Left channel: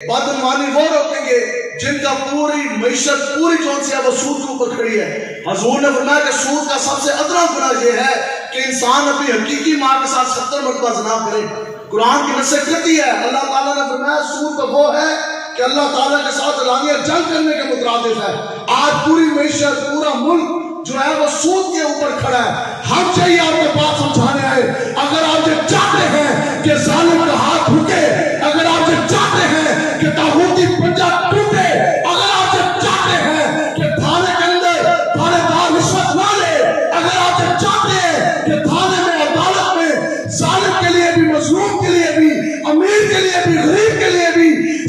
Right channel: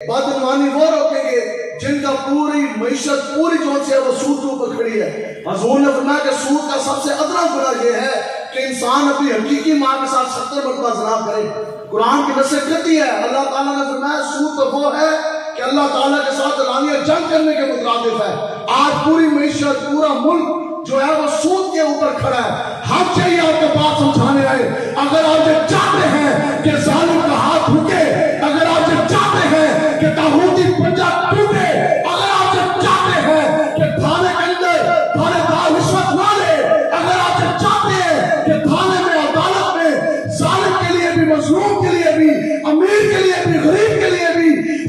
بدعنوانی وہ روکیں گے جن کا پوری معیشت پوری جون سے ہے وہ سود کے اوپر کھڑی ہے۔ حضور نے فرمایا کہ سود کا سب سے ادنا گناہ یہ ہے کہ انسان اپنی حقیقی ماں کے ساتھ 70 مرتبہ زنا کرے۔ قرآن کی نص کہتی ہے، اللہ تعالیٰ نے فرمایا سود تو وہ ہے کہ اللہ تعالیٰ کے ساتھ اعلانیہ جنگ کرنے کے مترادف ہے۔ آج پوری معیشت پورا ملک جو ہے وہ سود کے اوپر کھڑا ہے۔ ہم چاہیے آپ کو بات سمجھانے آئے، اگر آپ یہ چاہتے ہیں کہ ظالم کا ہاتھ رکے، اگر آپ یہ چاہتے ہیں کہ طاغوتی پنجہ ٹوٹے، اگر آپ یہ چاہتے ہیں کہ تھانے کے اندر تھانے دار رشوت نہ لے، اگر آپ یہ چاہتے ہیں کہ تھانے میں عدالت میں ظالم کے لیے بھی مظلوم کے لیے بھی امیر کے لیے بھی غریب کے لیے بھی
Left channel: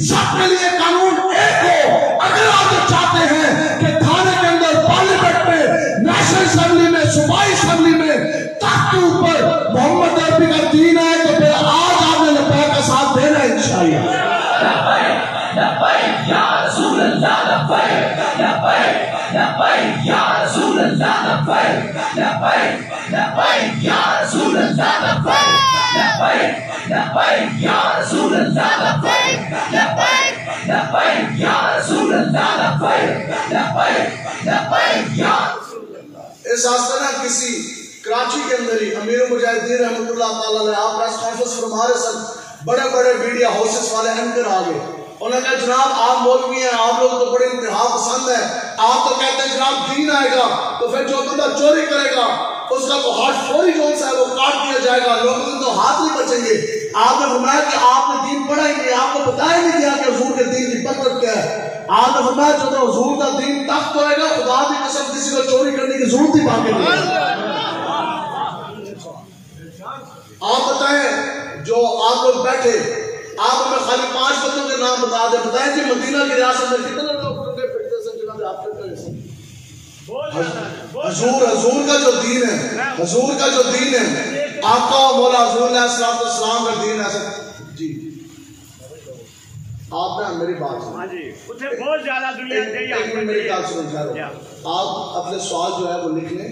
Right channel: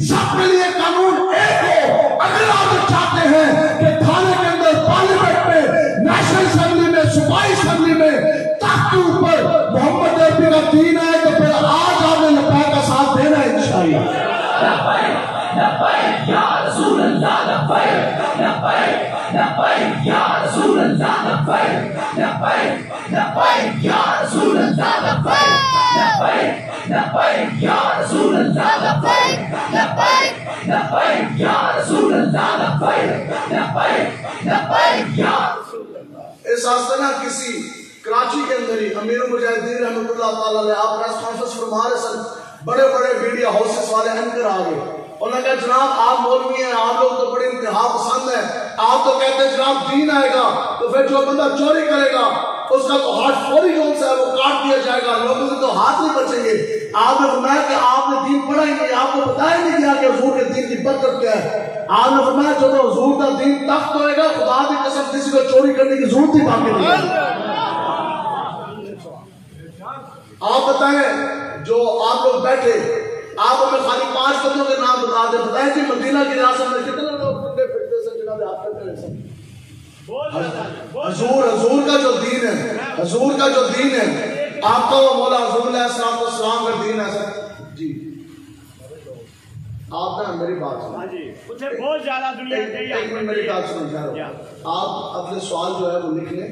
سب کے لیے قانون ایک ہو، اگر آپ یہ چاہتے ہیں کہ تھانے کے اندر پارلیمنٹ میں نیشنل اسمبلی میں صوبائی اسمبلی میں تخت کے اوپر محمد عربی کا دین ہے تو پھر آج آپ نے لبیک کا ساتھ دینا ہے انشاءاللہ۔ لبیک یا رسول اللہ، لبیک لبیک لبیک یا رسول اللہ، لبیک لبیک لبیک یا رسول اللہ، لبیک لبیک لبیک یا رسول اللہ، لبیک لبیک لبیک یا رسول اللہ، لبیک لبیک لبیک یا رسول اللہ۔ اس آستانہ کسی کراچی کے اندر ہی امیر المجاہدین رحمۃ اللہ تعالیٰ نے آپ پریس کانفرنس فرما رہے سن، بڑے بڑے میڈیا ہاؤسز والے اینکر آ گئے، انہوں نے کہا جناب آپ مولوی ہیں، آپ لوگ تو بڑے انتہا پسند ہیں، آپ تو کہتے ہیں جناب دین آئے گا تو پھر جو بندہ چوری کرے گا اس کا تو ہاتھ فوری کون سا ہے وہ کاٹ دیا جائے گا، لوگوں سے تو ہاتھ نہیں بچیں گے۔ آپ نے فرمایا کہ آپ نے دین پڑھا ہی نہیں، آپ کو بتایا نہیں گیا کہ حضور کے دین کی برکت کیا ہے۔ آپ نے فرمایا جو حضور کا دین تخت ہوئے گا، خدا کی قسم کسی کو چوری کرنے کی ضرورت ہی باقی نہیں ہے۔ آپ بتائیں جو آپ لوگ بیٹھے، آپ ہمیں خالی 5 بندوں کے نام بتا دیں، بتائیں کہ مدینہ کی ریاست میں کتنے لوگ پھرتے سے جناب آپ کرتے ہیں۔ حضور کا جو دین ہے، حضور کا جو دین ہے، آپ کا مولا حضور علیہ السلام کا دین ہے۔ جی آپ نے میری بات سنی، بہت زیادہ دنیا میری بات سن آپ اپنے سوال جو ہے وہ لکھ لیں،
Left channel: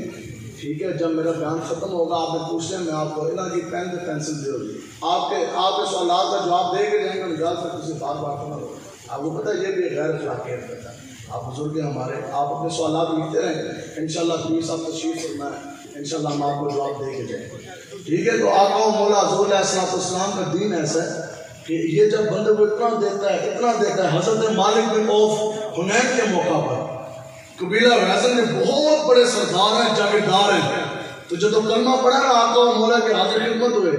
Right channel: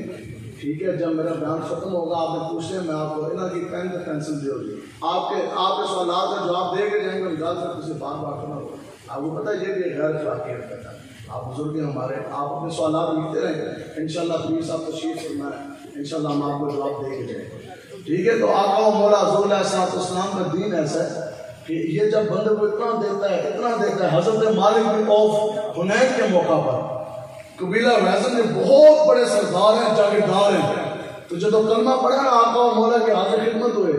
ٹھیک ہے؟ جب میرا بیان ختم ہوگا آپ نے پوچھ لیں، میں آپ کو انہوں کی پین پہ پینسل دے ہوگی، آپ کے سوالات کا جواب دے کے جائیں گے، مجھے تک کسی بات نہ ہو۔ آپ کو پتہ ہے یہ بھی غیر اخلاقی حرکت ہے، آپ بزرگ ہمارے، آپ اپنے سوالات لکھتے رہیں، انشاءاللہ پیر صاحب تشریف فرمائیں، انشاءاللہ ہم آپ کو جواب دے کے جائیں گے، ٹھیک ہے؟ تو آقا مولا حضور علیہ السلام کا دین ایسا ہے کہ یہ جب بندے کو اتنا دیتا ہے، حضرت مالک بن عوف حنین کے موقع پر قبیلہ ریزن میں بہت بڑے سردار ہیں، جاگیردار ہیں، تو جب کلمہ پڑھا نا آقا و مولا کے حاضر خدمت ہوئے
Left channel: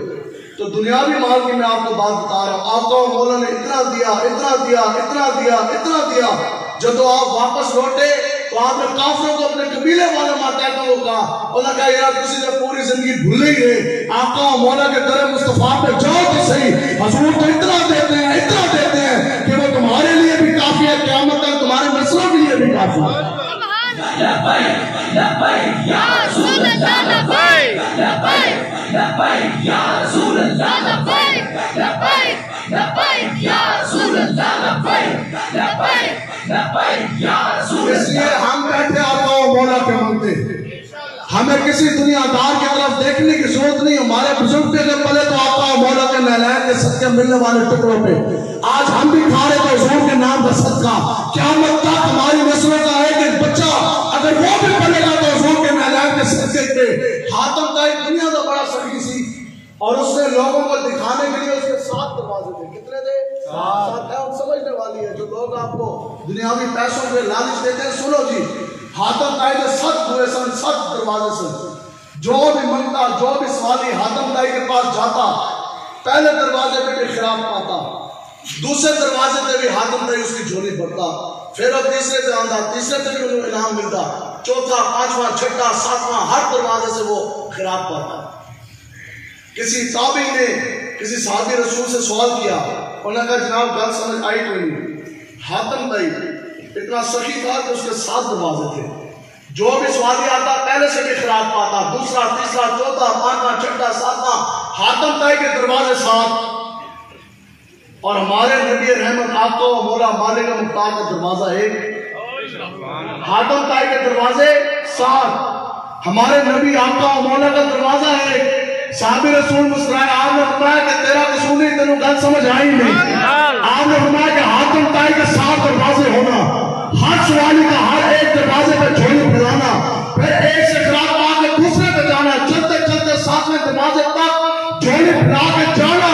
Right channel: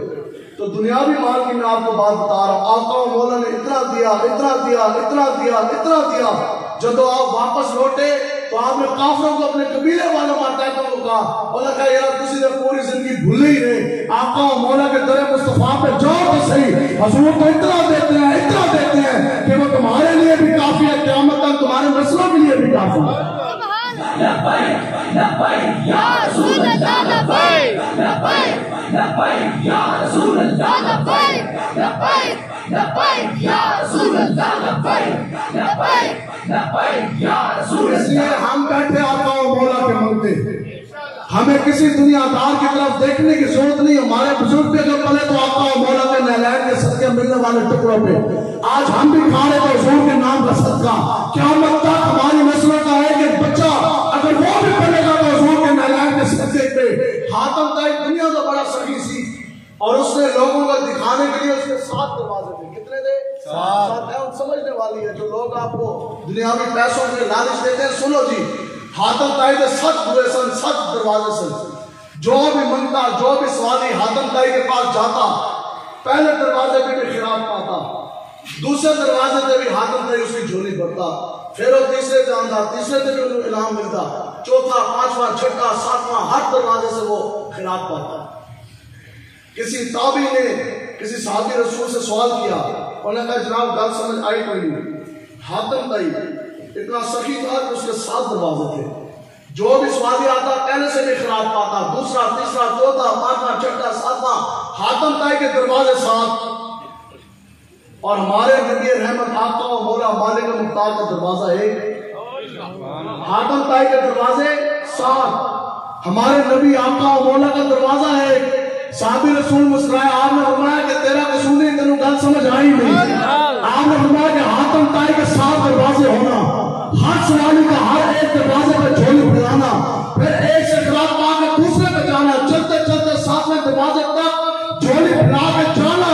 تو دنیاوی مال کی میں آپ کو بات بتا رہا ہوں، آقا و مولا نے اتنا دیا، اتنا دیا، اتنا دیا، اتنا دیا، جب آپ واپس لوٹے تو آپ نے کافروں کو اپنے قبیلے والے ماتحتوں کو کہا، انہوں نے کہا یار کسی نے پوری زندگی بھولے ہی رہے، آقا و مولا کے در مصطفیٰ پہ جاؤ تو صحیح، حضور تو اتنا دیتے ہیں کہ وہ تمہارے لیے بھی کافی ہے، قیامت تک تمہارے نسلوں کے لیے بھی کافی ہے۔ لبیک لبیک یا رسول اللہ، لبیک لبیک لبیک یا رسول اللہ، لبیک لبیک لبیک یا رسول اللہ، لبیک لبیک لبیک یا رسول اللہ۔ اس لیے ہم بیٹھے آقا و مولا کے منگتے، ہمیں کسی دنیا دار کی طرف دیکھنے کی ضرورت نہیں، ہمارے بزرگ پہ اگر پلے تو آقا و مولا کے نالائق کے صدقے ملنے والے ٹکڑوں پہ آج ہم بھی کھا رہے تو حضور کے نام کا صدقہ، قیامت تک ہماری نسلوں کا ایک بچہ اگر وہ بھی پڑھے گا تو حضور کے نالائق کے صدقے کے۔ حاتم طائی دنیا کا بڑا سخی سی اور اس نے لوگوں کو دکھانے کے لیے اس کے 7 دروازے تھے، کتنے تھے؟ 7 ہے، سمجھنے والی ہے، جو لوگ آپ کو دنیاوی پیسوں کے لالچ دیتے ہیں، سنو جی، حاتم طائی کے 7 ہوئے سن، 7 دروازے سن، جو بھی منگتا، جو بھی سوالی حاتم طائی کے پاس جاتا، پہلے دروازے پہ بھی خراب پاتا، دوسرے دروازے پہ بھی حاتم طائی اس کی جھولی بھرتا، پھر وہ تیسرے پہ آندا، تیسرے پہ بھی انہیں انعام ملتا، چوتھا، 5واں، 6واں، 7واں، ہر دروازے سے وہ خراب پاتا۔ کسی تابعی نے کسی صحابی رسول سے سوال کیا، انہوں نے کہا جناب گل سمجھ آئی کوئی نہیں، حاتم طائی اتنا سخی تھا کہ اس کے 7 دروازے تھے، جو بھی سوالی آتا پہلے سے بھی خراب پاتا، دوسرا، تیسرا، چوتھا، 5واں، 6واں، 7واں، حاتم طائی کے دروازے 7 اور ہمارے نبی رحمت آقا و مولا مالک مختار کا دروازہ 1، حاتم طائی کے دروازے 7، ہمارے نبی آقا و مولا کا دروازہ 1، صحابی رسول مسکرائے، آپ نے فرمایا کہ تیرا قصور نہیں، تینوں گل سمجھ آئی نہیں۔ آپ نے فرمایا کہ حاتم طائی کے 7 دروازے ہونا، ہر سوالی کا ہر ایک دروازے پہ جھولی پھیلانا، پھر ایک سے خراب پا کے دوسرے پہ جانا، چلتے چلتے 7ویں دروازے تک جھولی پھیلا کے جانا،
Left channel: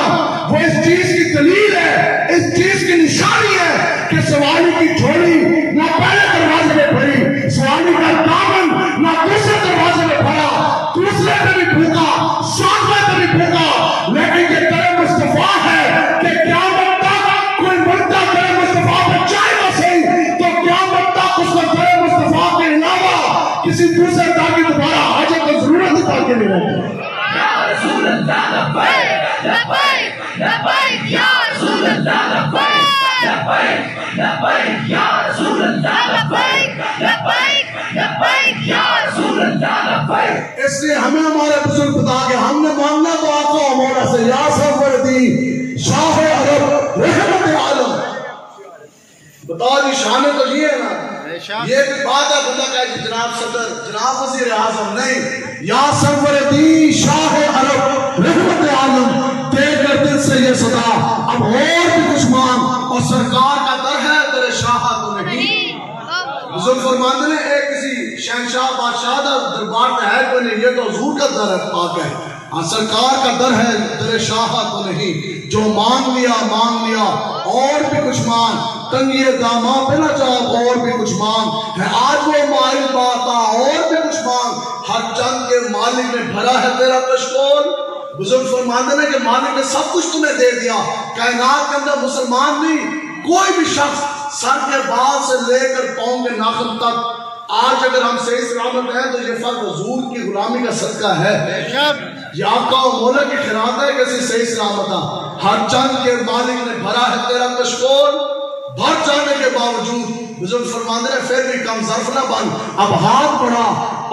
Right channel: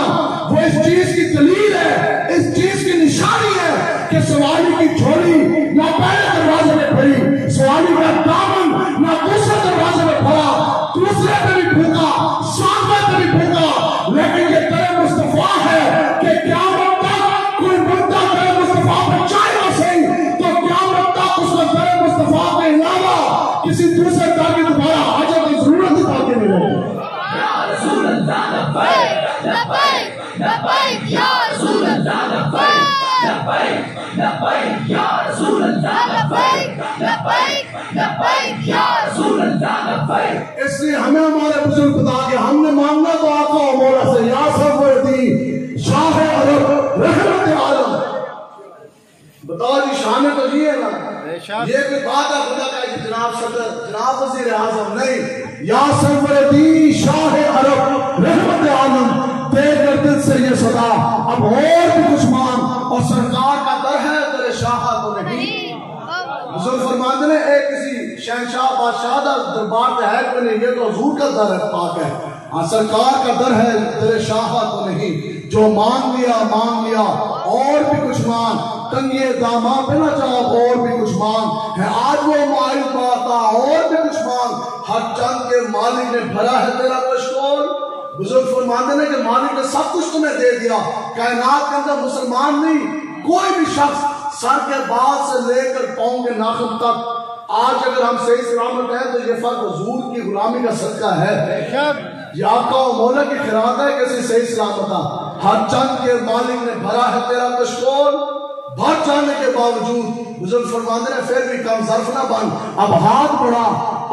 وہ اس چیز کی دلیل ہے، اس چیز کی نشانی ہے کہ سوالی کی جھولی نہ پہلے دروازے میں پھری، سوالی کا دامن نہ دوسرے دروازے میں پھڑا، دوسرے پہ بھی پھونکا، 7ویں پہ بھی پھونکا، لیکن یہ تیرے مصطفیٰ ہے کہ قیامت تک کوئی بندہ تیرے مصطفیٰ پہ جائے گا صحیح تو قیامت تک اس کو تیرے مصطفیٰ کے علاوہ کسی دوسرے کی دوبارہ حاجت کی ضرورت باقی نہیں ہوگی۔ یا رسول اللہ لبیک لبیک لبیک یا رسول اللہ لبیک لبیک لبیک یا رسول اللہ لبیک لبیک لبیک یا رسول اللہ لبیک۔ اس لیے ہمیں ہمارے بزرگ بتا کہ ہم نے مانگنا تو آقا و مولا سے، یا سرور دین شاہ عرب رحمت عالم، بتا دی شان تو یہ ہے نا، یہ بھی بات ہے بندہ کہا کہ جناب صدر جناب وزیر اعظم نہیں، یا سرور دین شاہ عرب رحمت عالم، دے کر دل سے یہ صدا اب اور بھی کچھ مانگ، اور سرکار کا در ہے تیرے شاہ تو نہیں۔ بزرگ فرماتے ہیں ایک کسی شہنشاہ بادشاہ دا دربار پہ ہے کوئی نہیں، یہ تو حضور کا در پاک ہے، سرکار کا در ہے تیرے شاہ تو نہیں، جو مانگ لیا اور بھی کچھ مانگ، تنگیے داماں پہ نہ جاؤ اور بھی کچھ مانگ، ہے آج وہ مائل باتا اور بھی کچھ مانگ، ہر چند کے مالک نے بھرا ہے تیرا کشکول۔ بزرگ فرماتے ہیں کہ مالک نے سب کچھ تمہیں دے دیا، کائنات کے اندر مسلمان نہیں کوئی بھی شخص سر کے بال سے لے کر پاؤں کے ناخن تک، آج اگر ہم صحیح سلامت ہیں تو یہ فرق حضور کی غلامی کا صدقہ ہے، یہ آقا و مولا کی خیرات ہے کہ صحیح سلامت ہر چند کے مالک نے بھرا ہے تیرا کشکول، بھر جانے کے باوجود بزرگ فرماتے ہیں پھر بھی کم ظرف نہ بن، اب ہاتھ بڑھا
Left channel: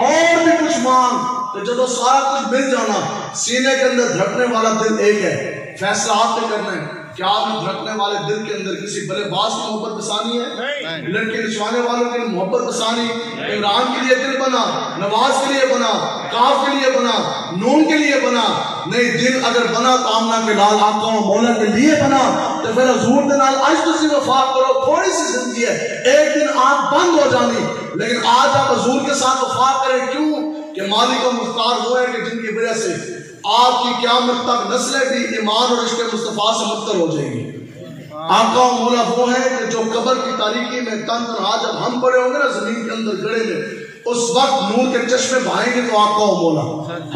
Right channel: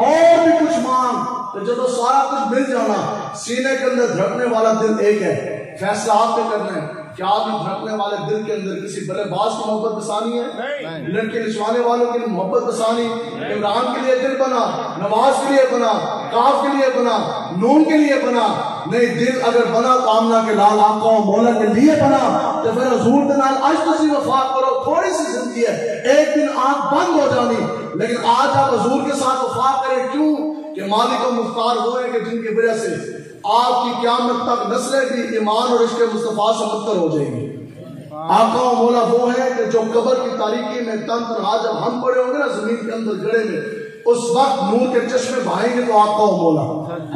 اور بھی کچھ مانگ، تو جب سارا کچھ مل جانا، سینے کے اندر دھڑکنے والا دل ایک ہے، فیصلہ آپ نے کرنا ہے، کیا آپ دھڑکنے والے دل کے اندر کسی بلے باز کی محبت بسانی ہے؟ لڑکے نچوانے والوں کی محبت بسانی، عمران کے لیے دل بنا، نواز کے لیے بنا، کاف کے لیے بنا، نون کے لیے بنا، نہیں دل اگر بنا تو آمنہ کے لال آقا و مولا کے لیے بنا، تو پھر حضور کے نال عشق سے وفا کرو، تھوڑی سی زندگی ہے، ایک دن آنکھ بند ہو جانی، لیکن آج آپ حضور کے ساتھ وفا کریں، کیوں؟ کہ مالک و مختار وہ ہے کہ جن کی وجہ سے آپ کی قیامت تک نسلیں بھی ایمان اور عشق مصطفیٰ سے مبتر ہو جائیں گی۔ آقا و مولا وہ ہے کہ جو قبر کی تاریکی میں تن تنہا جب ہم پڑے ہوں گے نا زمین کے اندر گڑے میں، اس وقت نور کے چشمے بہائیں گے تو آقا و مولا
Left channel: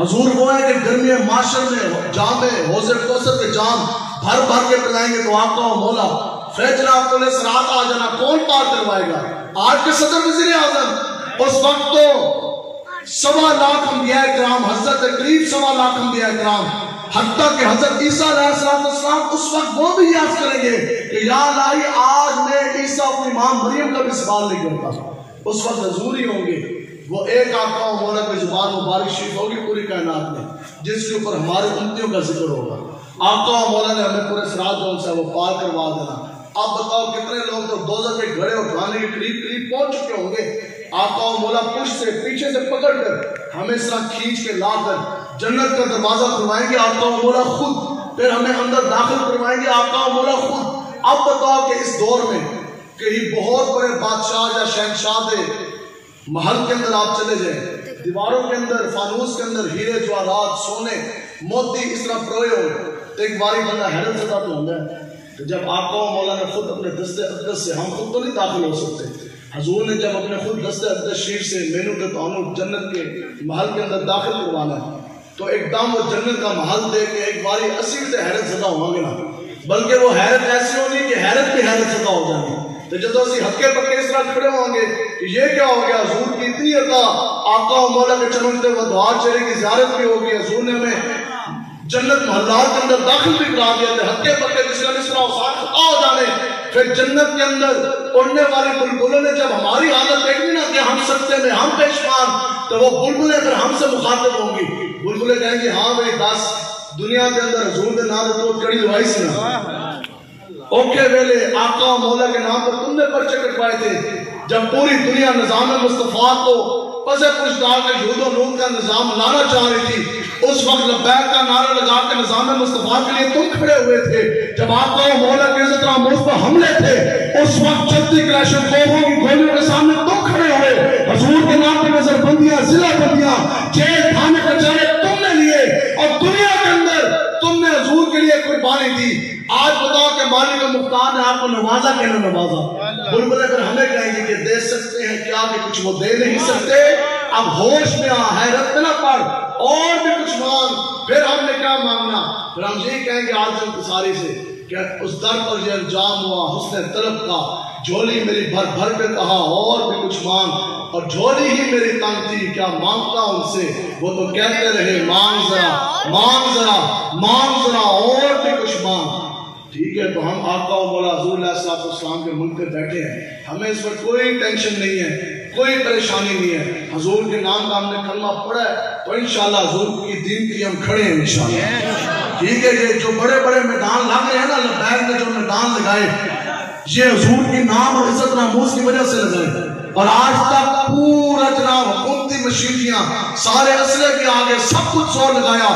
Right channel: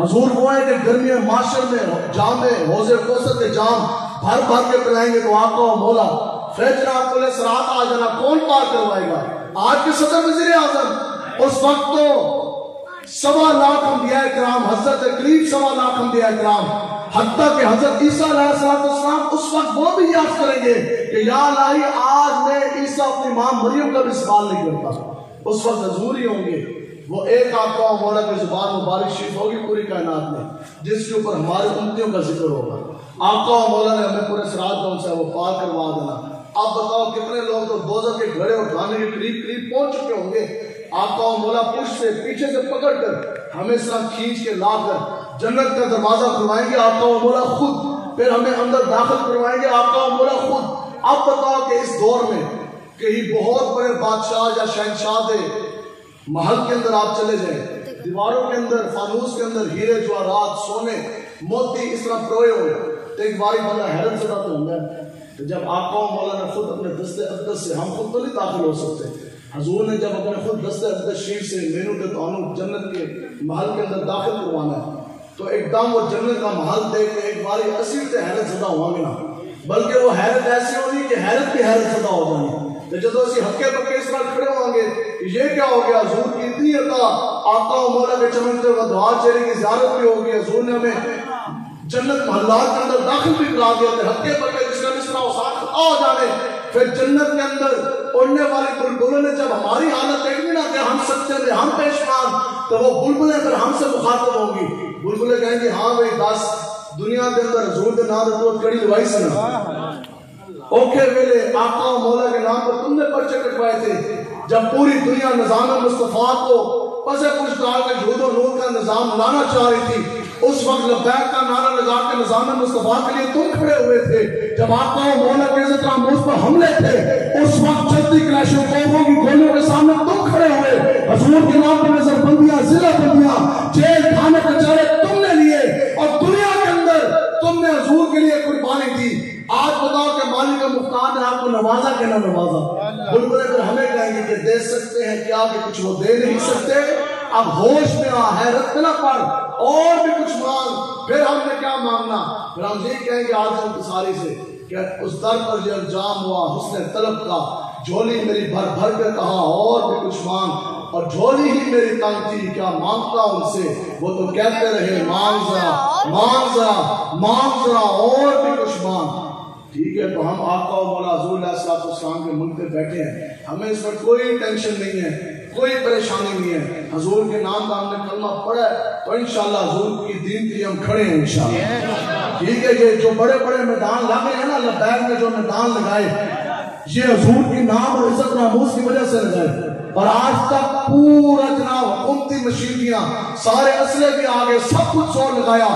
حضور وہ ہے کہ گرمی معاشر میں جام حوض کوثر کے جام بھر بھر کے پلائیں گے تو آقا و مولا پھر جناب کو سرات آ جانا کون پار کروائے گا؟ آج کے صدر وزیر اعظم اس وقت تو 1.25 لاکھ انبیاء کرام، حضرت قریب 1.25 لاکھ انبیاء کرام، حتیٰ کہ حضرت عیسیٰ علیہ السلام اس وقت وہ بھی یاد کریں گے کہ یا الہی آج میں عیسیٰ اپنی ماں مریم کا بھی سوال نہیں کرتا، اس وقت حضور ہی ہوں گے، وہ ایک آقا و مولا کی زبان مبارک شریف ہوگی پوری کائنات میں جس کے اوپر ہمارے امتیوں کا ذکر ہوگا۔ آقا و مولا نے ہمیں پورے سراج جو سے وہ پار کروا دینا۔ اب بتاؤ کتنے لوگ تو دوزخ کے گھڑے اٹھانے کے قریب پہنچ چکے ہوں گے، آقا و مولا پشت سے پیچھے سے پکڑ کر ہمیں اس طرح کھینچ کے لا کر جنت کا دروازہ کھلوائیں گے آقا و مولا خود، پھر ہمیں اندر داخل کروائیں گے آقا و مولا خود۔ اب بتاؤ کہ اس دور میں کہیں بہت بڑے بادشاہ یا شہنشاہ دے محل کے اندر آپ چلے جائیں، دیواروں کے اندر فانوس کے اندر ہیرے جواہرات سونے موتی اس طرح پروئے ہو، تو ایک باری بندہ حیرت زدہ تو ہوں گا کہ جب آقا و مولا نے خود اپنے دست اقدس سے، ہم خود تو نہیں داخل ہو سکتے، حضور نے جب اپنے خود دست اقدس شریف سے مینو تے تانو جنت کے محل کے اندر داخل کروانا ہے تو ایک دم وہ جنت کا محل دیکھ کے ایک باری اسی سے حیرت زدہ ہوں گے نا، بلکہ وہ حیرت ایسی ہونی کہ حیرت کی حیرت زدہ ہو جانی، تو جب اسی ہکے پکے اس طرح کھڑے ہوں گے کہ یہ کیا ہو گیا، حضور کی اتنی عطا، آقا و مولا کے چمکتے ہوئے دوار چہرے کی زیارت بھی ہوگی، حضور نے ہمیں جنت محلات کے اندر داخل بھی کرا دیا تھے، ہکے پکے جس کا نسرا وسار خطا ہو جانے، پھر جنت کے اندر اڑنے والے بلبلوں نے جب ہماری حالت دیکھی نا کہ ہم سکتے میں ہم پیشمان، تو وہ بلبلیں پھر ہم سے مخاطب ہوں گی، بلبلیں کہیں گی ہاں بھائی دس دنیا کے اندر حضور کے نام تو کڑی دوائی سنا، اوکے ویلے آقا و مولا کے نام پر تم نے پرچے کٹوائے تھے، جب پوری دنیا نظام مصطفیٰ کو پسے پوچھ ڈال کے یہود و نور کا نظام لانا چاہ رہی تھی، اس وقت لبیک کا نعرہ لگا کے نظام مصطفیٰ کے لیے تم کھڑے ہوئے تھے، جب آقا و مولا کے عزت ناموز پر حملے تھے اس وقت چلتی کلیشن خوفوں کی گولیوں کے سامنے تم کھڑے ہوئے، حضور کے نام پر نظر بندیاں، ضلع بندیاں، جیل خانے کچہرے تم نے لیے، اور دنیا کے اندر تم نے حضور کے لیے قربانی دی۔ آج بتاؤ کہ مالک مختار نے آپ کو نوازا کہ نہ نوازا؟ بلبلے پھر ہمیں کہیں گے کہ دے سکتے ہیں کیا کہ کچھ وہ دے نہیں سکتے، اب ہوش میں آ، حیرت میں نہ پڑ، اور بھی کچھ مانگ، پھر ہم نے کیا مانگنا؟ پھر ہم یہی کہیں گے آج انتصاری سے کہ اس در پر یہ انجام ہوا حسن طلب کا، جھولی میری بھر بھر کے کہا اور بھی کچھ مانگ، اور جھولی ہی میری تنگ تھی کیا مانگتا ان سے، وہ تو کہتے رہے مانگ ذرا مانگ ذرا مانگ ذرا اور بھی کچھ مانگ۔ ٹھیک ہے، تو ہم آقا و مولا حضور علیہ السلام کے ملک پہ بیٹھے ہیں، ہمیں اس میں کوئی ٹینشن نہیں ہے، کوئی پریشانی نہیں ہے، حضور کے نام کا ہم نے کلمہ پڑھا ہے تو انشاءاللہ حضور کی دین کے لیے ہم کھڑے ہیں انشاءاللہ۔ ٹھیک ہے، یہ جو بڑے بڑے میدان لگ رہے ہیں نا، لبیک نے جو میدان لگائے یہ حضور کی نام اور عزت ناموز کی وجہ سے لگائے، اور آج تک پورا جناب حکومتی مشینریاں سارے اسلحے کے آگے سب کچھ زور لگایا،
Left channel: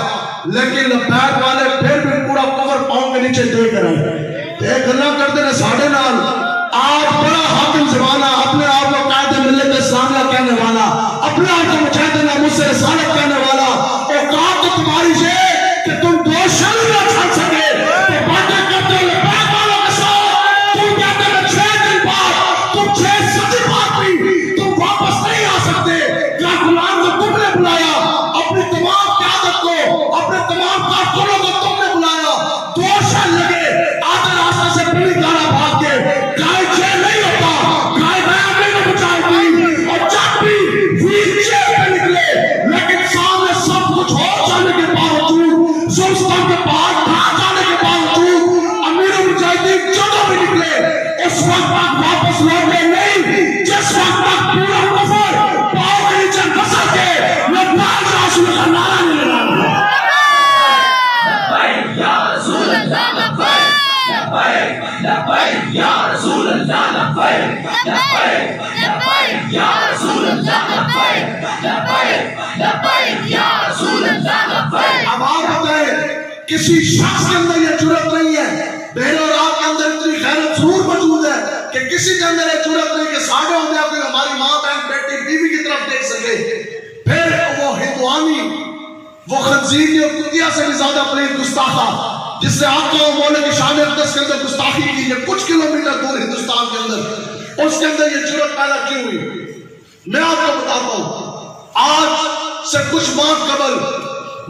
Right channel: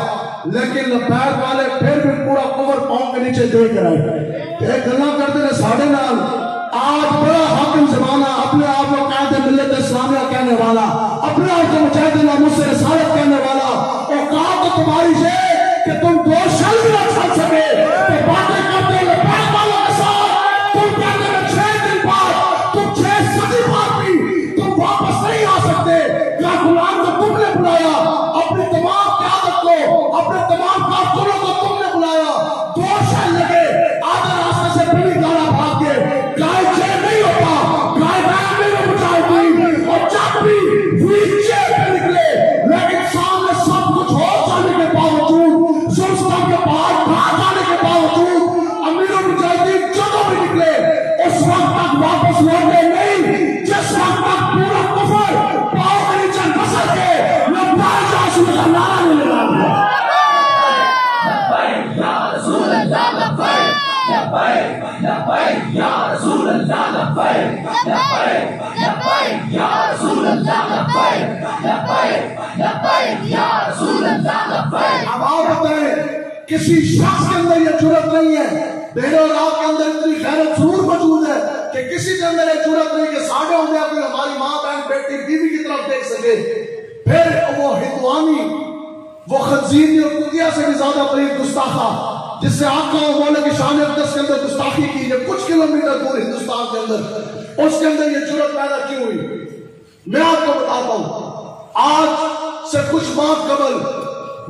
لیکن لبیک والے پھر بھی پورا کور پاؤں کے نیچے دے کر آئے۔ ایک اللہ کرتے ہیں ساڑھے نال، آپ بڑا حاکم زمانہ، اپنے آپ کو قائد ملت اسلامیہ کہنے والا، اپنے آپ کو مجاہد ناموس سے رسالت کہنے والا، اوقات تو تمہاری سے کہ تم دو شل نہ چھڑ سکے تو باتیں کرتے لبیک والوں کے ساتھ، تم کہتے ہیں 6 دن بعد تم 6 صدی بعد بھی تم واپس نہیں آ سکتے، کیا غلام کو تم نے بلایا، اپنی تمام قیادت کو، اپنے تمام کارکنوں کو تم نے بلایا، 2 شل لگے، آدھے راستے سے پوری گانا بھاگ کے گائے چین نہیں ہوتا، گائے ریملی میں بچاؤگی، اور جب بھی ویل چیئر پہ نکلے لیکن سامنے سب کچھ ہو جانے کے باوجود، زلزلہ کے پہاڑ ڈھا جانے کے باوجود، امیر المجاہدین جو بھی نکلے اس وقت تک واپس لوٹے نہیں جس وقت تک پورا کفر پاؤں کے نیچے نسل کے لبیک رسول کا نعرہ نہیں لگا۔ لبیک یا رسول اللہ لبیک، لبیک لبیک یا رسول اللہ لبیک، لبیک لبیک یا رسول اللہ لبیک، لبیک لبیک یا رسول اللہ لبیک۔ اب آپ بتائیں کسی شخص کے اندر یہ جرت نہیں ہے، بہر اور آپ کے اندر اتنی غیرت ضرور موجود ہے کہ کسی کے اندر یہ جرت نہیں کہ ساڑھے ہوں گے کوئی ہماری ماں بہن بیٹی بیوی کی طرف دیکھ سکے، پھر وہ ہندوانی، وہ خنزیر اور کتیا سے بھی زیادہ پلید گستاخا جس سے آقا و مولا کی شان اقدس کے اندر گستاخی کی ہے کچھ کلومیٹر دور ہندوستان کے اندر، اس کے اندر یہ جرت پیدا کیوں ہوئی؟ میں آپ کو بتاتا ہوں، آج سے کچھ ماہ قبل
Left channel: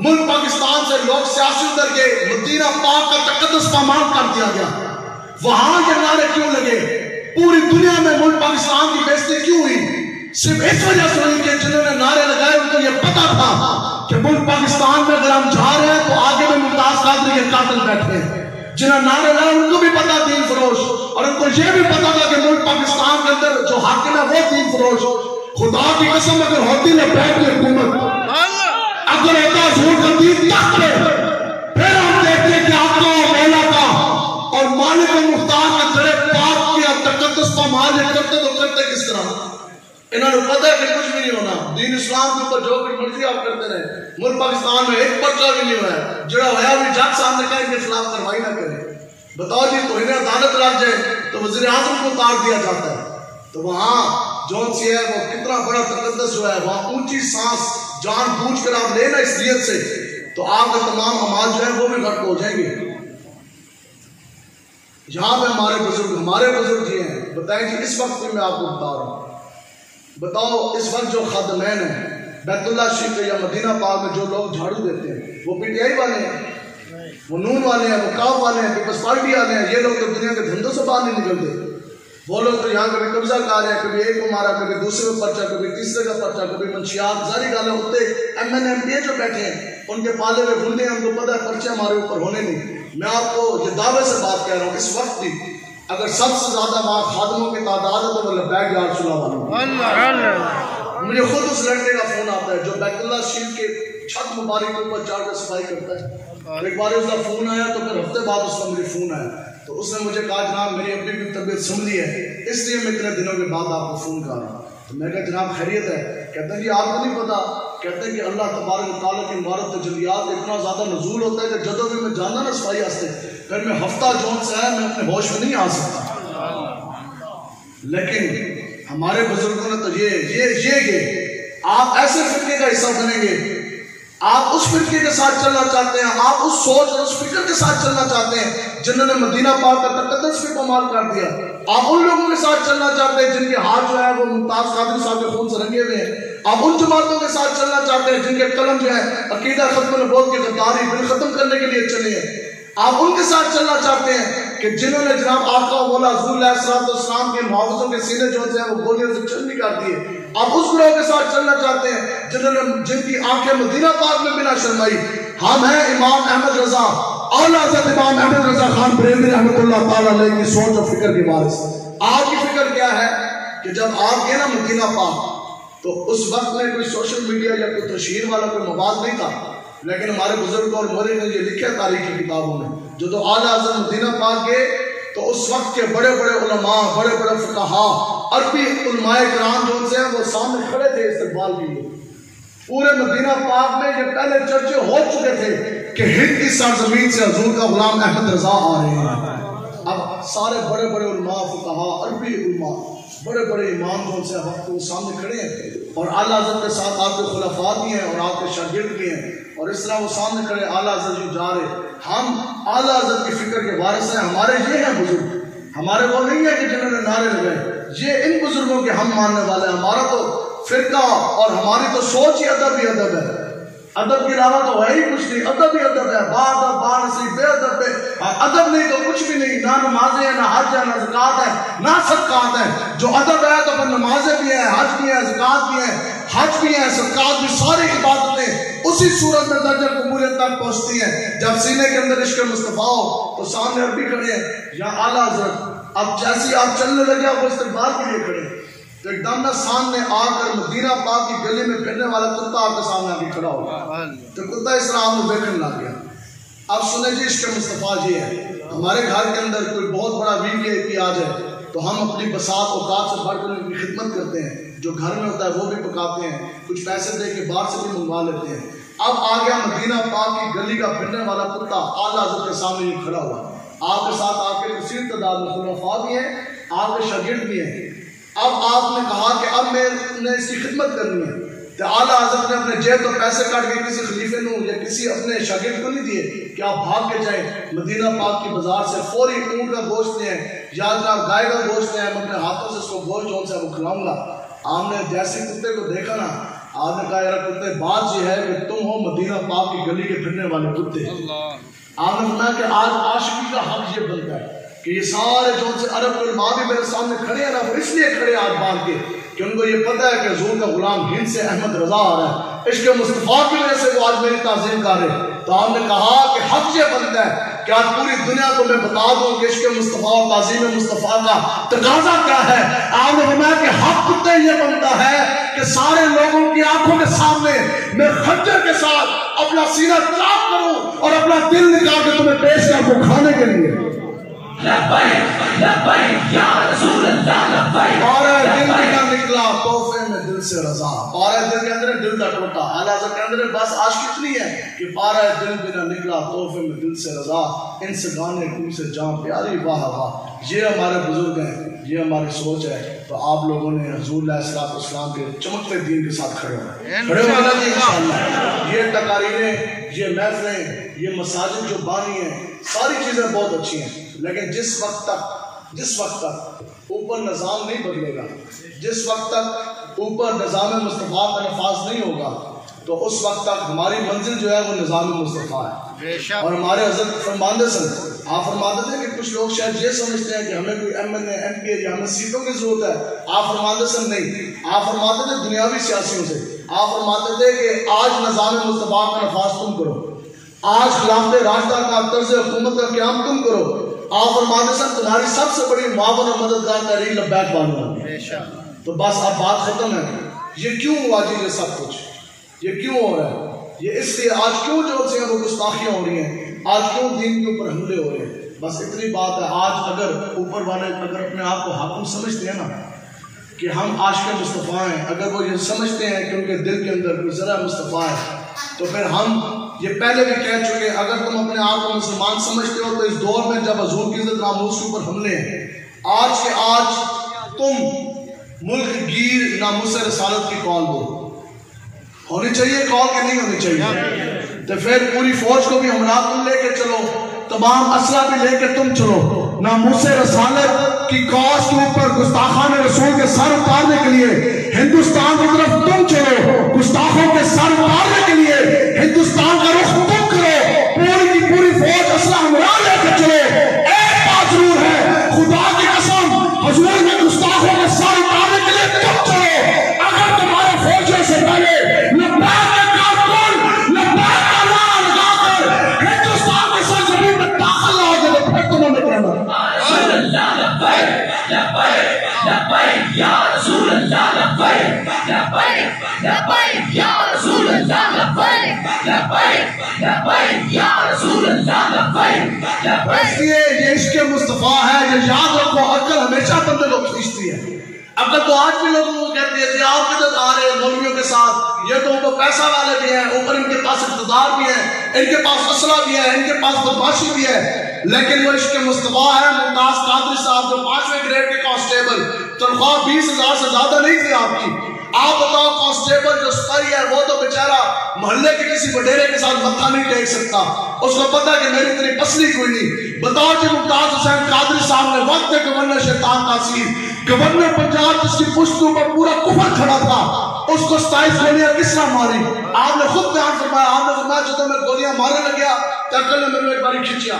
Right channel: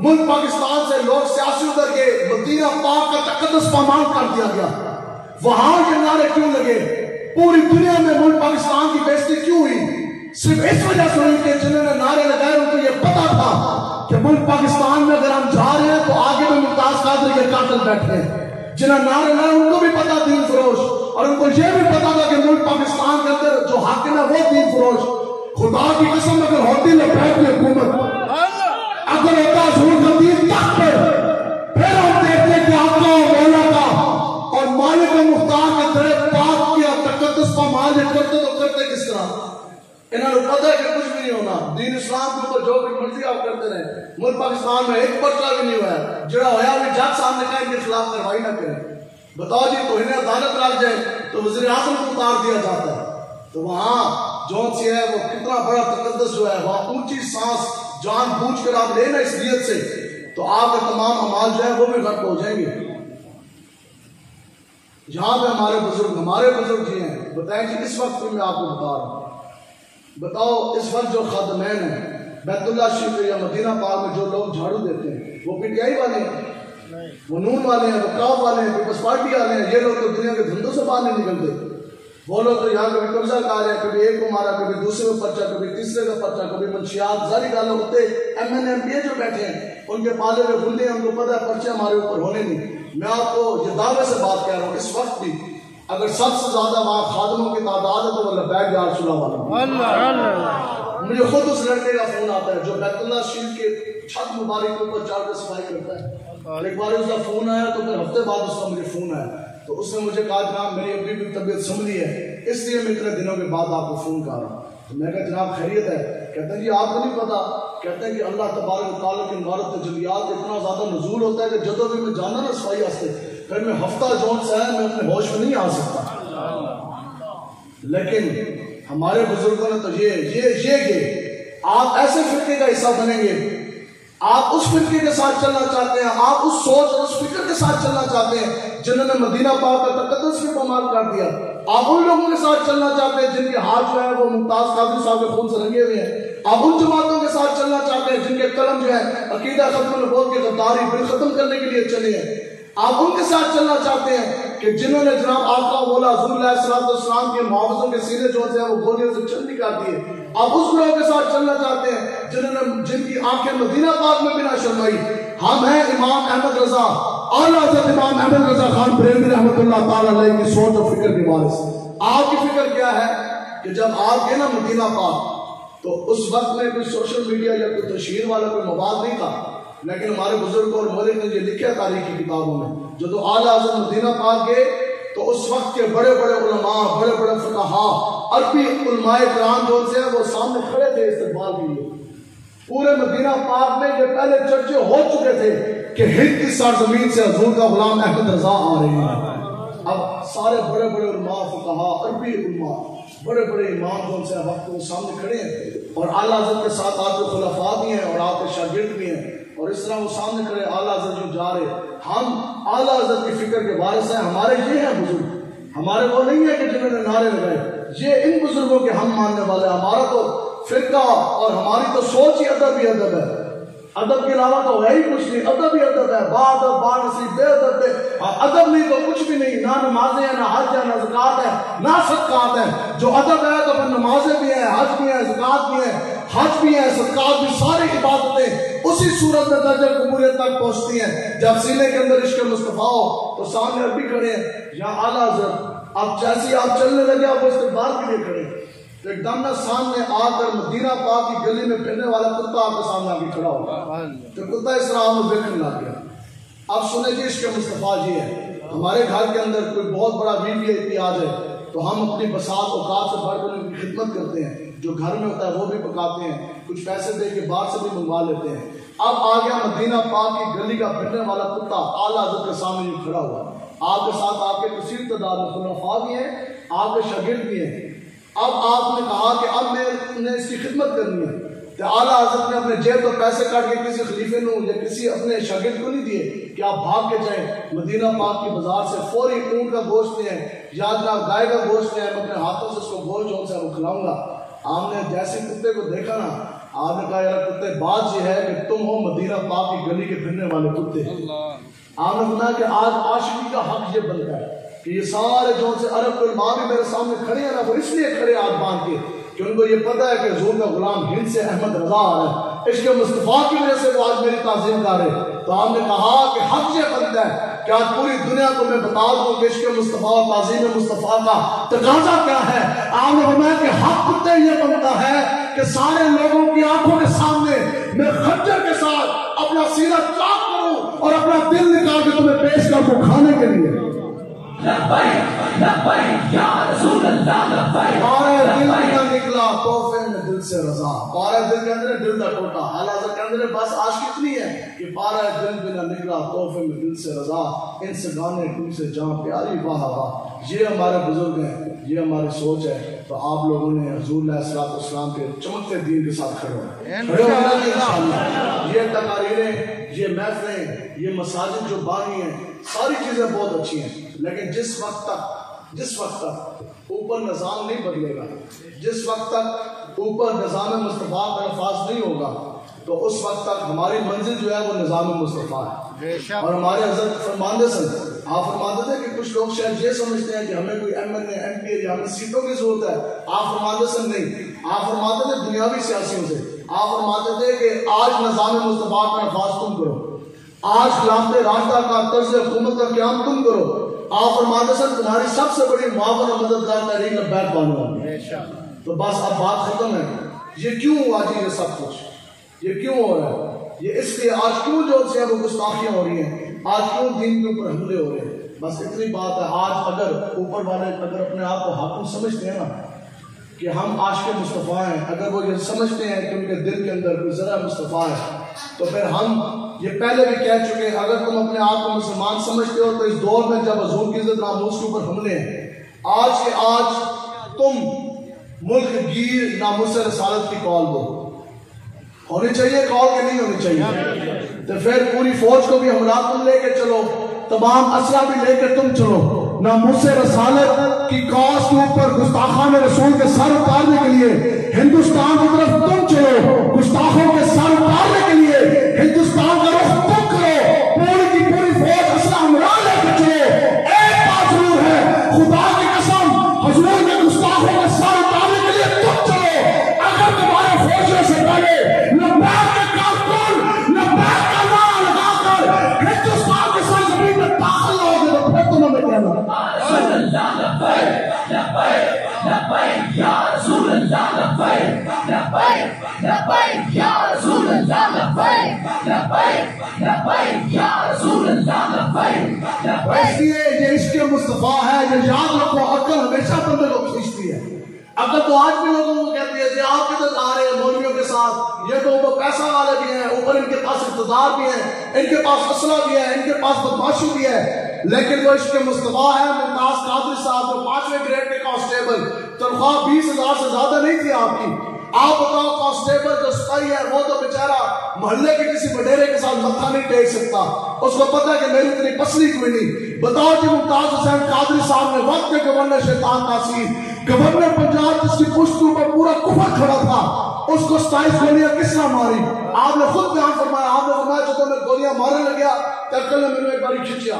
ملک پاکستان سے لوگ سیاسی ادھر کے مدینہ پاک کا تقدس پامال کر دیا گیا، وہاں یہ نعرے کیوں لگے؟ پوری دنیا میں ملک پاکستان کی بےزتی کیوں ہوئی؟ صرف اس وجہ سے ہوئی کہ جنہوں نے نعرے لگائے ان کو یہ پتا تھا کہ ملک پاکستان میں اگر ہم جا رہے ہیں تو آگے میں ممتاز قادری کے قاتل بیٹھے ہیں، جنہوں نے نعرے لگائے ان کو بھی پتا دین فروش، اور ان کو یہ بھی پتا تھا کہ ملک پاکستان کے اندر جو حاکم ہے وہ دین فروش۔ خدا کی قسم اگر ہوتی لبیک کی حکومت، اگر ہوتا حضور کا دین تک پہ، پھر ہم دیکھتے کہ آقا و مولا کا اور مالک مختار کا در پاک کیا تقدس پامال کرتے تو کرتے کس طرح؟ انہوں نے پتہ ہے کہ کچھ بھی نہیں ہونا، دین اسلام کے اوپر جو بھی مرضی آپ کرتے رہے، ملک پاکستان میں ایک پرچہ بھی نہیں ہوا ہے، جڑا ہوا بھی جج صاحب نے کہا ان کے خلاف کارروائی نہ کریں، بتاؤ جی توہین عدالت لگ جائے تو وزیر اعظم کو اتار دیا جاتا ہے، تو وہاں جو سی ہے وہ کتنا بڑا تقدس جو ہے، وہاں اونچی سانس جان بوجھ کر آپ لینا اس نیت سے تو آپ کے تمام اعمال جو ہے وہ بھی غلط ہو جائیں گے۔ یہاں پہ ہمارے بزرگ جی ہیں، بتائیں کہ اس وقت میں آپ کو بتا رہا ہوں، بتاؤ اس وقت جو خادمین ہیں بیت اللہ شریف یا مدینہ پاک میں جو لوگ جھاڑو دیتے ہیں وہ پی ٹی آئی والے ہیں، وہ نون والے ہیں، وہ کاف والے ہیں، پیپلز پارٹی والے ہیں، یہ لوگ تو دنیا کے دھندوں سے باہر نہیں نکلتے، وہ لوگ تو یہاں کبھی قبضہ کر رہے ہیں، کبھی ایک کو مارا، کبھی دوسرے کا پرچہ، کبھی تیسرے کا پرچہ، کبھی منشیات ظاہری گالے ہوتے ایم این ایم پی اے جو بیٹھے ہیں ان کے پالے میں بندے ہیں، ان کو پتہ ہے پرچے ہمارے اوپر ہونے نہیں۔ میں آپ کو یہ دعوے سے بات کہہ رہا ہوں، اس وقت بھی اگر سب سے زیادہ وہاں خادموں کی تعداد ہے تو وہ لبیک یا رسول اللہ۔ مجھے خود اس لڑکے کا فون آتا ہے جو بیت اللہ شریف کے چھت مبارک کے اوپر چڑھ کر صفائی کرتا ہے، ایک بار اس کا فون آیا تو پھر ہفتے بعد اس کا مجھے فون آیا تو اس نے مجھے کہا جناب میری ابھی بھی طبیعت سنبھلی ہے اس لیے میں اتنے دنوں کے بعد آپ کو فون کر رہا ہوں، تو میں کہا جناب خیریت ہے؟ کہتا ہے جی آپ کو نہیں پتا کہتے ہیں کہ اللہ تبارک و تعالیٰ کی عمارت تجلیات اتنا زیادہ نزول ہوتا ہے کہ جدو بھی میں جانا نا صفائی واسطے پھر میں ہفتہ جون سے ہے میں اپنے ہوش میں نہیں آ سکتا. لیکن ہمارے بزرگوں نے تو یہ آپ ایسے فرقے کا حصہ بنیں گے, آپ اس فرقے کے ساتھ چلنا چاہتے ہیں, آپ اس سوچ اس فکر کے ساتھ چلنا چاہتے ہیں جنہوں نے مدینہ پاک کا تقدس پہ پامال کر دیا, آپ ان لوگوں کے ساتھ چلنا چاہتے ہیں جن کے ہاتھ جو ہے وہ ممتاز قادری صاحب کے خون سے رنگے ہوئے ہیں, آپ ان جماعتوں کے ساتھ چلنا چاہتے ہیں جن کے قلم جو ہے عقیدہ ختم نبوت کی غداری بل ختم کرنے کے لیے چلے ہیں, آپ ان کے ساتھ چلنا چاہتے ہیں کہ جنہوں نے جناب آقا مولا حضور علیہ السلام کے معاوضوں کے سینے جو ہیں وہ گولیوں سے چند نکال دیے, آپ اس گروہ کے ساتھ چلنا چاہتے ہیں جن کی آنکھیں مدینہ پاک میں بنا شرمائی. ہم ہیں امام احمد رضا اعلیٰ حضرت امام احمد رضا خان بریلوی رحمۃ اللہ تعالیٰ علیہ کی سوچ اور فکر کی وارث. آپ کی فکر کیا ہے کہ جب آپ گئے نا مدینہ پاک تو اس وقت میں کوئی سوشل میڈیا یا کوئی تشہیر والا کوئی مواد نہیں تھا, لیکن ہمارے بزرگ اور مولوی نے یہ لکھا تاریخی کتابوں میں جو تو اعلیٰ حضرت مدینہ پاک گئے تو اس وقت کے بڑے بڑے علماء بڑے بڑے فقہا عربی علماء کرام جو سے ہیں وہ سامنے کھڑے تھے استقبال کے لیے. پورے مدینہ پاک میں یہ پہلے چرچے ہو چکے تھے کہ ہند کی سرزمین سے حضور کا غلام احمد رضا آ رہے ہیں. اب سارے بڑے بڑے علماء فقہا عربی علماء بڑے بڑے امام جو سے وقت وہ سامنے کھڑے ہیں اور اعلیٰ حضرت کے ساتھ آپ کے خلفاء بھی ہیں اور آپ کے شاگرد بھی ہیں, اور اس طرح وہ سامنے کھڑے اعلیٰ حضرت جو جا رہے. ہم اعلیٰ حضرت کی فکر کے وارث ہیں, ہمارے یہ ہیں بزرگ, ہمارے وہ نہیں ہے کہ جنہوں نے نعرے لگائے, یہ ان بزرگوں کے ہم ماننے والے ہیں. ہمارا تو فرقہ اور ہماری تو سوچ ہی ادب ہے, ادب کے علاوہ تو ہے ہی کچھ نہیں, ادب ہی ادب ہے, با ادب با نصیب بے ادب پہ ادب نہیں تو کچھ بھی نہیں, نہ نمازیں ہیں نہ حج ہے نہ زکات ہے نہ صدقات ہے. جو ادب ہے تو پھر نمازیں بھی ہیں, حج بھی ہیں, زکات بھی ہیں, حج بھی ہیں, صدقات بھی, ساری عبادتیں اسی صورت میں درجہ قبولیت تک پہنچتی ہیں جب سینے کے اندر عشق مصطفیٰ ہو. تو سامنے عربی کھڑے ہیں یا اعلیٰ حضرت, اب جیسی آپ چلنے لگے آپ استقبال کے لیے کھڑے تو ایک دم نہ سامنے آ کر مدینہ پاک کی گلی میں پھرنے والا کتا آپ کے سامنے آ کے کھڑا ہوگا تو کتا اس طرح آپ دیکھنے لگ گیا. اب سنیں جی عشق مصطفیٰ یہ ہے, ہمارے گھر کے اندر کوئی بہت بڑا VIP آ جائے تو ہم اپنی بساط اوقات سے بڑھ کر ان کی خدمت کرتے ہیں, جو گھر میں ہوتا ہے وہ بھی پکاتے ہیں, کچھ پیسے دے کے باہر سے بھی منگوا لیتے ہیں. اب آ گیا مدینہ پاک کی گلی کا پھرنے والا کتا اعلیٰ حضرت کے سامنے یہ کھڑا ہوا, آپ کے ساتھ آپ کے کثیر تعداد میں خلفاء بھی ہیں, آپ کے شاگرد بھی ہیں. اب آپ نے کہا کہ اب میں نے اس کی خدمت کرنی ہے تو اعلیٰ حضرت نے اپنے جیب تو پیسے کاٹ کے کسی خلیفے نو یا کسی اپنے شاگرد کو نہیں دیے کہ آپ بھاگ کے جائیں مدینہ پاک کی بازار سے فوری اونٹ کا گوشت لیں یا جناب گائے کا گوشت لیں, میں اپنے ہاتھوں سے اس کو گوشت جو سے وہ کھلاؤں گا. آپ نے جیسے کتے کو دیکھا نا, آپ نے کہا یار کتے بات یہ ہے کہ تم ہو مدینہ پاک کی گلی کے پھرنے والے کتے. آپ نے فرمایا کہ آج عاشقی کا حق یہ بنتا ہے کہ یہ سارے جو سے عرب علماء بھی میرے سامنے کھڑے ہیں نا, وہ اس لیے کھڑے آج باندھ کے کہ ان کو یہ پتہ ہے کہ حضور کا غلام ہند سے احمد رضا آ رہا ہے, عشق مصطفیٰ کی وجہ سے وہ آج میری تعظیم کر رہے. تو آپ نے کہا کہ حق یہ بنتا ہے کہ آج پوری دنیا کو میں بتا دوں کہ عشق مصطفیٰ اور تعظیم مصطفیٰ کا تقاضا کیا ہے. آپ نے فرمایا کہ حق کتے یہ بنتا ہے کہ سارے لوگوں کی آنکھوں کے سامنے میں خنجر کے ساتھ اپنا سینہ چاک کروں اور اپنا دل نکال کے تمہیں پیش کر دوں کھانے کے لیے. لبیک لبیک یا رسول اللہ لبیک. پارے دل کا نکلا تحفے میں دل سے رضا, پارے دل کے اندر دل کا ٹوٹا, اعلیٰ حضرت کے اندر بس عاشق اتنی ہے کہ پارے دل بنا نکلا تحفے میں دل سے رضا, ان سے گانے تم سے جان پیاری واہ واہ. یہ ہمارے بزرگ ہیں, یہ ہماری سوچ ہے. تو آپ لوگوں نے حضور علیہ السلام کے چمکتے دین کے ساتھ کھڑے ہونا جی انشاءاللہ. یہ تقاریریں, یہ محفلیں, یہ مساجد جو بانی ہیں, ساری چیزیں بہت اچھی ہیں, لیکن جس وقت تک اوپر نظام نہیں بدلے گا, جس وقت تک اوپر نظام مصطفیٰ کا نفاذ نہیں ہوگا تو اس وقت تک ہماری منزل جو ہے وہ نظام مصطفیٰ ہے. اور ہمارے حضرت فرماندے سن, آپ فرماتے تھے کہ کچھ لوگ شاید یہ سمجھتے ہیں کہ ہمیں کوئی MLA MP یا ہمیں سیٹوں کی ضرورت ہے. آپ فرماتے سن نہیں, آپ فرماتے تھے دنیاوی سیاسیوں سے. آپ فرماتے تھے کہ آج نظام مصطفیٰ کا نفاذ تم کرو, آج خلافت راشدہ کا طرز حکومت کا قیام تم کرو. آپ فرماتے سن تمہاری سب سے بڑی معاون اور مددگار تحریک لبیک بانو ہوگی. تو بس اب بات ختم ہے. یہ کیوں ہوا جی یہ سب کچھ, یہ کیوں ہو رہا ہے؟ یہ اس لیے آج کیوں جو سے وہ گستاخیاں ہو رہی ہیں, آج کیوں دین کے اوپر حملے ہو رہے ہیں. بس اتنی بات ہے. آج اگر اوپر والے اگر اپنے آپ کو حاکم سمجھتے ہیں نا کہ ہم عاشق مصطفیٰ ہیں، اگر وہ یہ سمجھتے ہیں کہ ان کے دل کے اندر کوئی ذرا مصطفیٰ ہے تو پھر ہم یہ پہلے بھی کہہ چکے، اگر تم اپنے آپ کو مسلمان سمجھتے ہو تو اس دور میں جب حضور کی عزت ناموس کے اوپر حملے ہیں، آج کے آج تم ملک گیر ناموس رسالت کی کال دو، ہونی چاہیے کال کہ نہیں ہونی چاہیے؟ تو پھر پوری فوج کو بھی ہمراہ تم لے کے چلو، تمام اسلحہ بھی لے کے تم چلو، ناموس رسالت کی کاز کے اوپر گستاخان رسول کے سر اتارنے کے لیے ہندوستان کی طرف تم چلو، گستاخوں کے سر اتارنے کے لیے ہندوستان کا رخ تم کرو، پوری کی پوری فوج اسلحہ ہمراہ لے کے چلو۔ ایک بات ضرور ہے، خدا کی قسم، حضور کے گستاخوں کے سر اتارنے کے لیے تم چلو۔ اگر تمہارے فوجوں سے پہلے لبیک کا کارکن لبیک کا نعرہ لگا کر ہندوستان کی سرزمین میں داخل نہ ہو جائے تو پھر تمہیں میں کہنا یا رسول اللہ لبیک لبیک یا رسول اللہ لبیک لبیک یا رسول اللہ لبیک لبیک۔ اس لیے یہ عشق مصطفیٰ ہے، یہ یاد رکھو، عقل ہمیشہ بندے کو کھینچتی ہے۔ عقل تو آج بھی لوگوں کو کہتی ہے جی آپ کدھر آ رہے ہیں مولویوں کے ساتھ، یہ تو اوپر پیسہ والے بھی ہیں، اوپر ان کے پاس اقتدار بھی ہیں، ان کے پاس اسلحہ بھی ہے، ان کے پاس بدماشی بھی ہے، لیکن وہ عشق مصطفیٰ ہے۔ ممتاز قادری صاحب جو 5ویں گریڈ کے کانسٹیبل، تنخواہ 20,000 سے زیادہ نہیں تھی آپ کی، آپ بتاؤ کانسٹیبل جو سپاہی ہے وہ تو بیچارہ محلے کے کسی وڈیرے کے ساتھ متھا نہیں ٹیک سکتا، اس کو پتہ ہے کہ میری اتنی پسلی کوئی نہیں۔ بتاؤ جی ممتاز حسین قادری صاحب نے وقت گورنر شیطان تاثیر، گورنر پنجاب جس کی پشتوں پر پورا کفر کھڑا تھا، اس کو 27 گولیاں کس طرح ماری؟ آپ نے خود بیان فرمایا، آپ نے فرمایا جب میں گولیاں مارنے لگیا تو عقل نے میں ایک باری کھینچیا،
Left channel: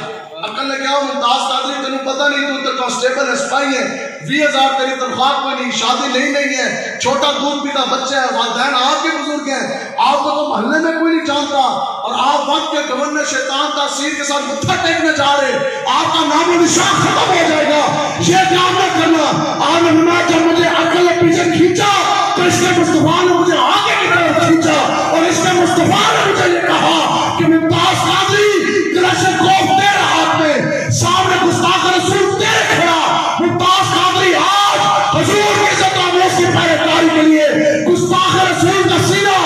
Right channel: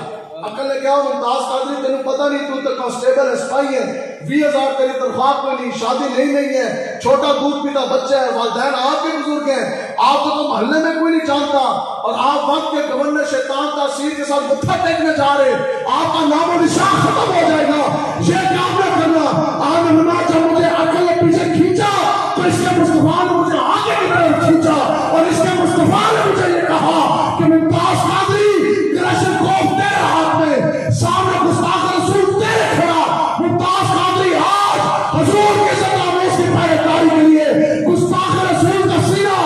عقل نے کہا ممتاز قادری تمہیں پتہ نہیں تو تو کانسٹیبل ہے، سپاہی ہے، 20,000 تیری تنخواہ کوئی نہیں، شادی نہیں ہے، چھوٹا دودھ پیتا بچہ ہے، والدین آپ کے بزرگ ہیں، آپ کو تو محلے میں کوئی نہیں جانتا، اور آپ وقت کے گورنر شیطان تاثیر کے ساتھ متھا ٹیکنے جا رہے، آپ کا نام و نشان ختم ہو جائے گا، یہ کام نہ کرنا۔ آپ نے فرمایا جب مجھے عقل نے پیچھے کھینچا تو اس کے مصطفیٰ نے مجھے آگے کی طرف کھینچا، اور اس کے مصطفیٰ نے مجھے یہ کہا کہ ممتاز قادری کلاشنکوف تیرے ہاتھ میں، سامنے گستاخ رسول تیرے کھڑا، ممتاز قادری آج حضور کی عزت ناموس کی پیروکاری کے لیے گستاخ رسول کا سینہ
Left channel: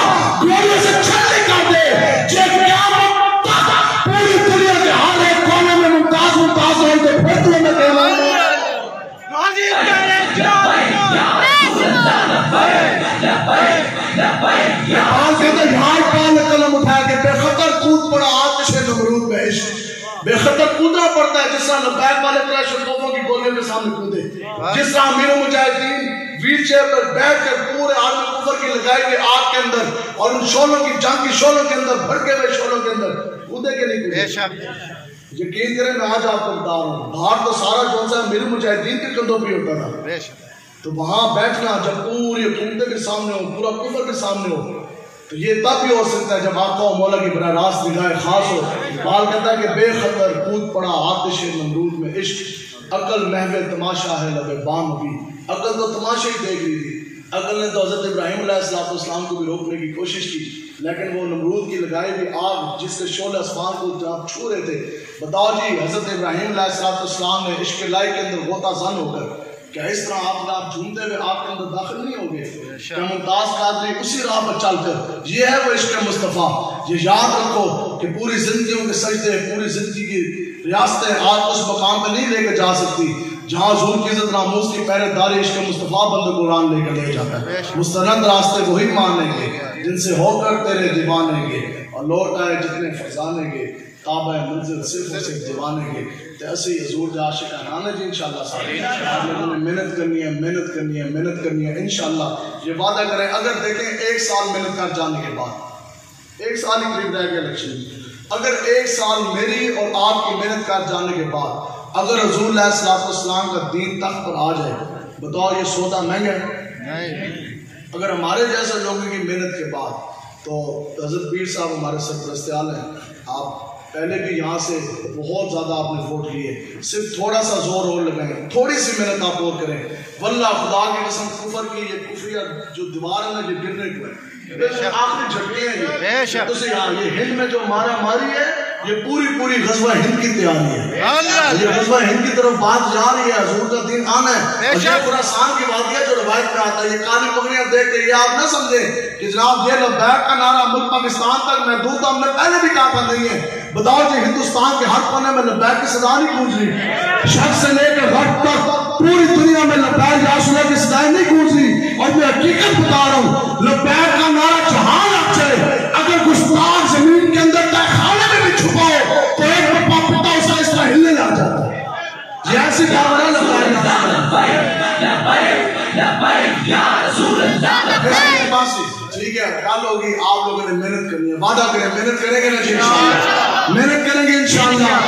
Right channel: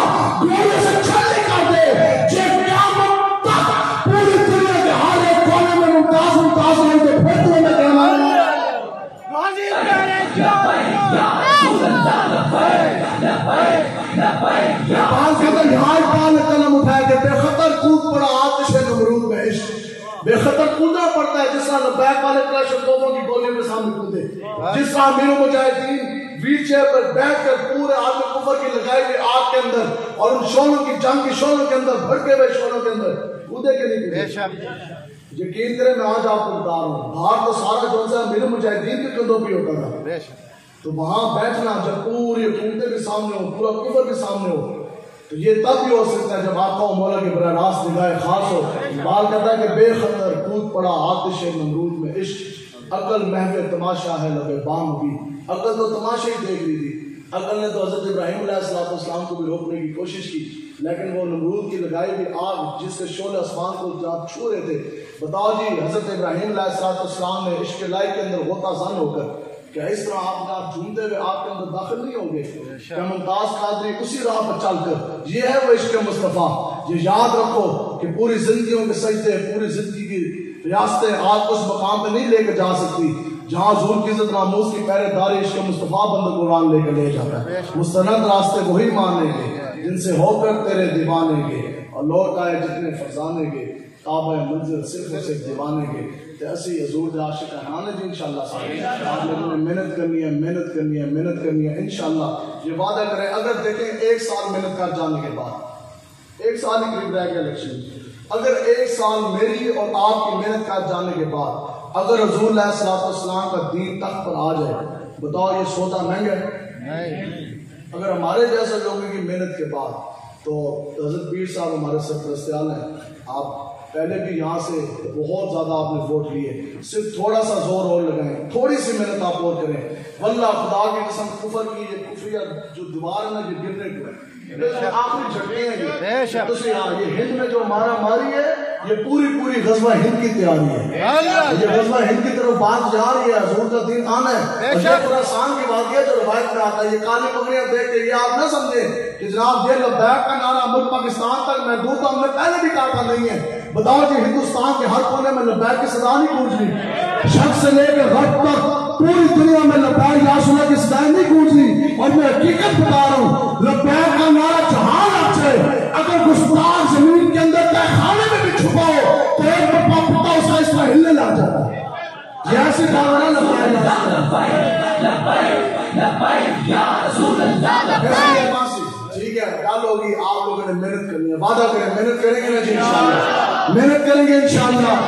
گولیوں سے چھلنی کر دے، جے قیامت تک پوری دنیا کے ہر ایک کونے میں ممتاز ہے تو پھر تمہیں کہنا ہے قلم اٹھایا کہ بے خطر کود پڑا آتش نمرود میں عشق، بے خطر کودنا پڑتا ہے جس طرح لبیک والے کلاشنکوفوں کی گولیوں کے سامنے کودے، جس طرح امیر و مجاہدین ویل چیئر پر بیٹھ کر پورے عالم کفر کی لگائی ہوئی آگ کے اندر اور ان شولوں کی جنگ کی شولوں کے اندر بھڑکے ہوئے شولوں کے اندر کودے کے نہیں کودے۔ یقین کریں میں آج آپ کو بتا رہا ہوں، باہر تو سارا جو سا امیر مجاہدین کے قدموں پہ ہوتا تھا، تو وہاں بیٹھنا جب پوری حکومتیں کے سامنے ہو، پورا کفر کے سامنے ہو، تو یہ تب بھی ہو سکتا ہے جب آقا و مولا کی براہ راست نگاہ خاص ہو۔ بال کہتا ہے کہ بے خطر کود پڑا آتش نمرود میں عشق، عقل محو تماشا ہے لبے بام بھی، عقل تو تماشا ہی دیکھ رہی تھی، عقل نے تو حضرت ابراہیم علیہ السلام کو بھی روکنے کی کوشش کی، لیکن وہ نمرود کی لگائی ہوئی آگ جس کے شعلے آسمان کو جہاں چھو رہے تھے، بتاؤ جی حضرت ابراہیم علیہ السلام نے عشق الہی کے اندر غوطہ زن ہو کر کیا اس طرح آپ جھومتے ہوئے آپ کے اندر داخل نہیں ہوں گے؟ کہ ممتاز قادری اسی راہ پر چل کر، یہ ہے وہ عشق مصطفیٰ۔ یہ یاد رکھو کہ پوری زندگیوں کے سجدے، پوری زندگی کی ریاستیں آپ اس مقام پہ نہیں لے کے جا سکتی جہاں حضور کی عزت ناموس کی پہرے داری عشق مصطفیٰ بند قرآن لے کے لے جاتا ہے۔ مستند راستے وہی مانیں گے جن سے ہو کر تیرے دیوانیں گے، اور لوٹ آئے جتنے فرزانے گے، تابع منزل صرف صرف دیوانے گے۔ تو ایسے ہی حضور دے عاشقانہ جی انشاءاللہ سارے آپ لوگوں نے محنت کرنی ہے، محنت کرنی ہے، محنت کرنی ہے انشاءاللہ۔ یہ وعدہ کریں اگر دیکھیں 1 سال محنت کر جانے کے بعد، 1 سال ہی قریب رہ گیا الیکشن، اگر 1 سال میری اور آپ کی محنت کر جانے کے بعد اگر حضور علیہ السلام کا دین تخت پر آ جائے، بتاؤ یہ سودا مہنگا ہے؟ اگر ہمارے جیسے لوگوں کی محنت کے بعد، تو حضرت پیر صاحب ہمارے سرپرستیال ہیں، آپ پہلے بھی یہاں سے بہت زیادہ آپ نے ووٹ لیے، صرف تھوڑا سا زور اور لگائیں، تھوڑی سی محنت آپ اور کریں، واللہ خدا کی قسم کفر کی یہ کفریہ جو دیوار ہے نا یہ گرنے کو ہے، آخری جھٹکے ہیں یہ، یہ ہند میں جو ہمارا ماری ہے یہ پوری غزوہ ہند کی تیاری ہے. یہ غزوہ ہند کی طرف بات جا رہی ہے. حضور کا دین آنا ہے. اور یہ خراسان کی واقعہ جو روایت میں آتا ہے, یہ کالی پگڑیاں دیکھ کے یہ آپ نہ سمجھیں کہ جناب یہ لبیک کا نعرہ ملک پاکستان تک محدود تھا. ہم نے پہلے بھی کہا تھا نہیں ہے. بتاؤ جی ہندوستان کے ہر کونے میں لبیک کی صدا نہیں گونج رہی. شرق سے لے کے غرب تک پوری دنیا میں لبیک یا رسول اللہ کی صدایں نہیں گونج رہی. اور میں حقیقت بتا رہا ہوں, لبیک کا نعرہ جہاں لگ جائے, اگر گستاخ زمین کے اندر تہ خانے میں بھی چھپاؤ تو ایک پپا پتا اس کا اس طرح ہلنے لگ جاتا ہے. یہ ایسی کارواں ٹھیک ہے, گل ہوگی. آپ لوگوں نے محنت کرنی ہے, وعدہ کریں محنت کریں گے نا جی انشاءاللہ. محنت کریں گے انشاءاللہ,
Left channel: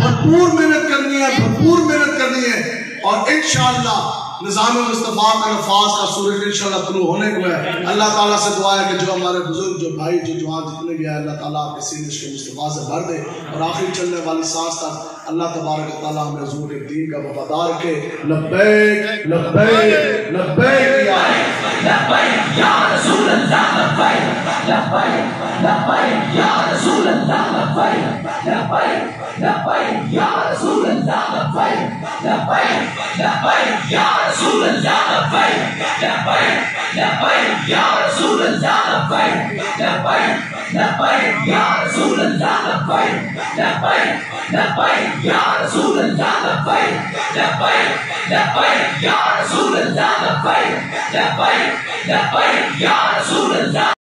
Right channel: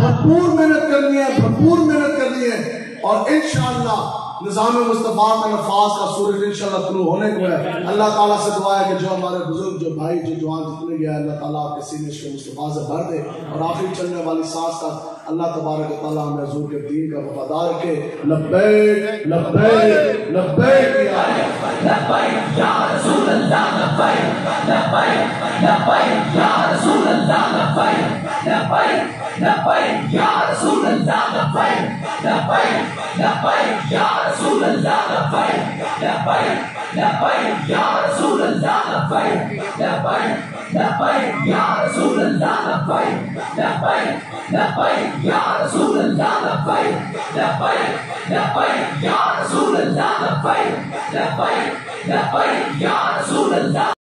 بھرپور محنت کرنی ہے, بھرپور محنت کرنی ہے. اور انشاءاللہ نظام مصطفیٰ کا نفاذ کا سورج انشاءاللہ طلوع ہونے کو ہے. اللہ تعالیٰ سے دعا ہے کہ جو ہمارے بزرگ, جو بھائی, جو جوان جتنے بھی ہیں, اللہ تعالیٰ آپ کے سینے کو مصطفیٰ سے بھر دے. اور آخر چلنے والی سانس تک اللہ تبارک و تعالیٰ ہمیں حضور کے دین کا وفادار رکھے. لبیک لبیک لبیک یا رسول اللہ, لبیک لبیک لبیک یا رسول اللہ, لبیک لبیک لبیک یا رسول اللہ, لبیک لبیک لبیک یا رسول اللہ, لبیک لبیک لبیک یا رسول اللہ, لبیک لبیک لبیک یا رسول اللہ, لبیک لبیک لبیک یا رسول اللہ, لبیک لبیک لبیک یا رسول اللہ, لبیک لبیک لبیک یا رسول اللہ.